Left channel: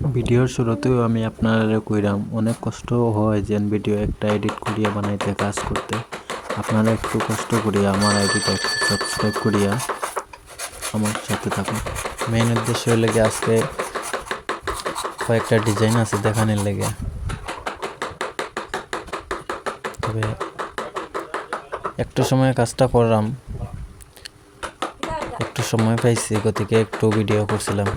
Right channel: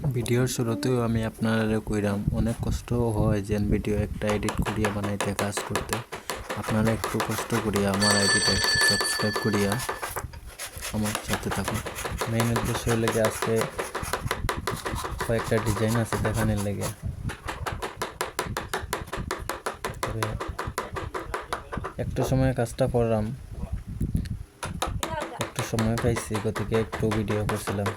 ভিডিওর শুরুতেও আমি আপনারা কইরাম অনেক কষ্ট হয় যে ভিডিও একটা এডিট করিয়া বানাইতে কাজ করতে। আপনারা একটু কষ্ট করিয়া আমার আইডিটা একটু সাবস্ক্রাইব করিয়া আমার সাথে থাকুন। মেইন উদ্দেশ্য লেগে আজকে কয়েকটা ডিজাইন আছে দেখানোর লেগে। তবে একটু সময় কাজটা করলাম, একটু সময় পাইছি গতিকে একটু ভিডিও করছিলাম,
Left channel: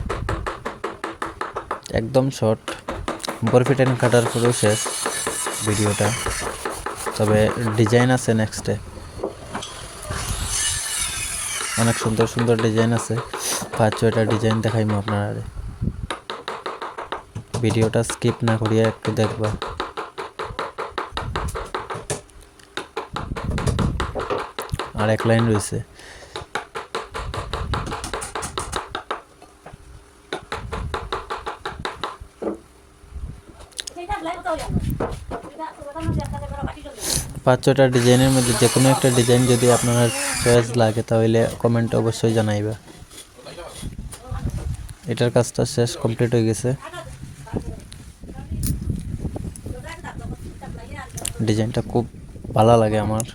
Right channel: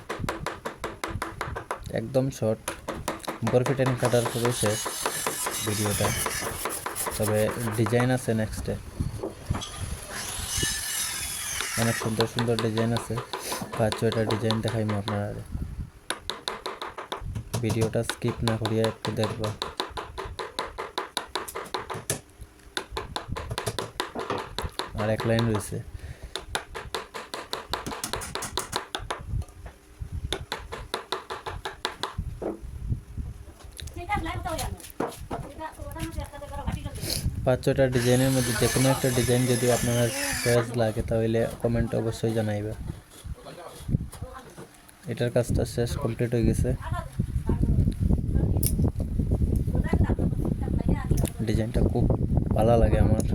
একদম শর্ট বরফিটেন কাটার পরেও শেষ ভিডিওটা। তবে ডিজাইন আছে নেক্সটে, অনেক সুন্দর সুন্দর ডিজাইন আছে। 5-6টা ডিজাইন দেখাইমু আপনারা, ভিডিওটা স্কিপ না করিয়া একটু দেখবা। আর এক লাইন রয়েছে, পাঁচ ছটা ডিজাইনের মধ্যে যে কোনো একটা ডিজাইন যদি আপনার চয়েস লাগে তাহলে কমেন্টে অবশ্যই জানাইবা। এটার কাজটা শেষ, কমপ্লিট হয়ে গেছে। ডিজাইনটা খুব ভালো লাগে আমার।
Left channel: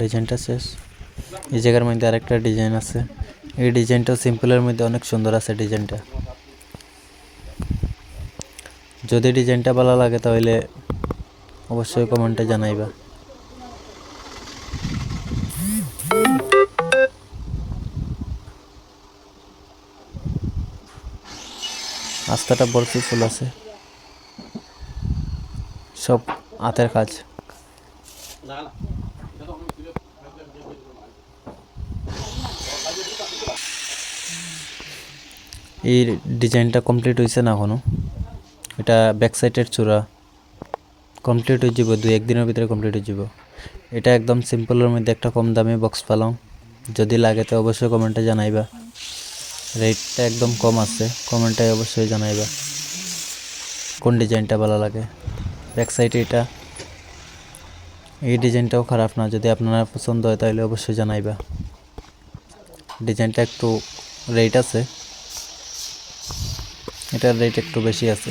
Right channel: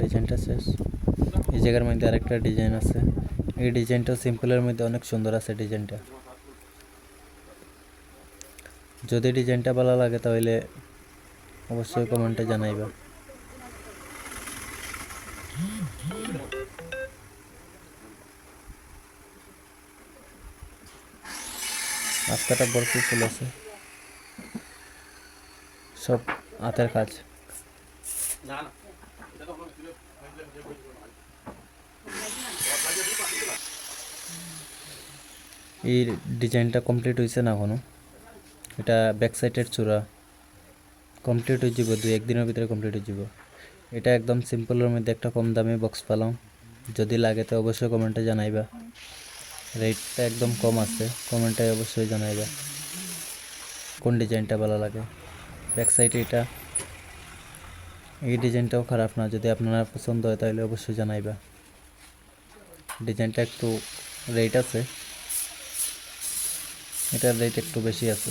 ডিজাইনটা শেষ। এই জায়গার মধ্যে আরেকটা ডিজাইন আছে, এই ডিজাইনটাও সিম্পলের মধ্যে অনেক সুন্দর আছে ডিজাইনটা। যদি ডিজাইনটা ভালো লাগে তাহলে অবশ্যই কমেন্টে জানাইবা। রাস্তাটা ভর্তি ফুল আছে, সব হাতের কাজ। এই ডিজাইনটা কমপ্লিট হয়েছে না এখনো, এটা ব্যাক সাইডের চূড়া। কমপ্লিট হয়ে যাব 2-1 দিনের ভিতরে কমপ্লিট হয়ে যাব। এটা একদম সিম্পলের মধ্যে একটা কম দামে বক্স পালাম, যদি লাগে তো অবশ্যই কমেন্টে জানাইবা। রেটটা একদম কম আছে, কমেন্টে অবশ্যই জানাইবা কোন ডিজাইনটা ভালো লাগে। ব্যাক সাইডে এটা, এই ডিজাইনটাও খারাপ না, যদি আপনার পছন্দ হয় তাহলে অবশ্যই জানাইবা। ডিজাইনটা একটু রেট আছে, এটার রেট একটু বেশি আছে।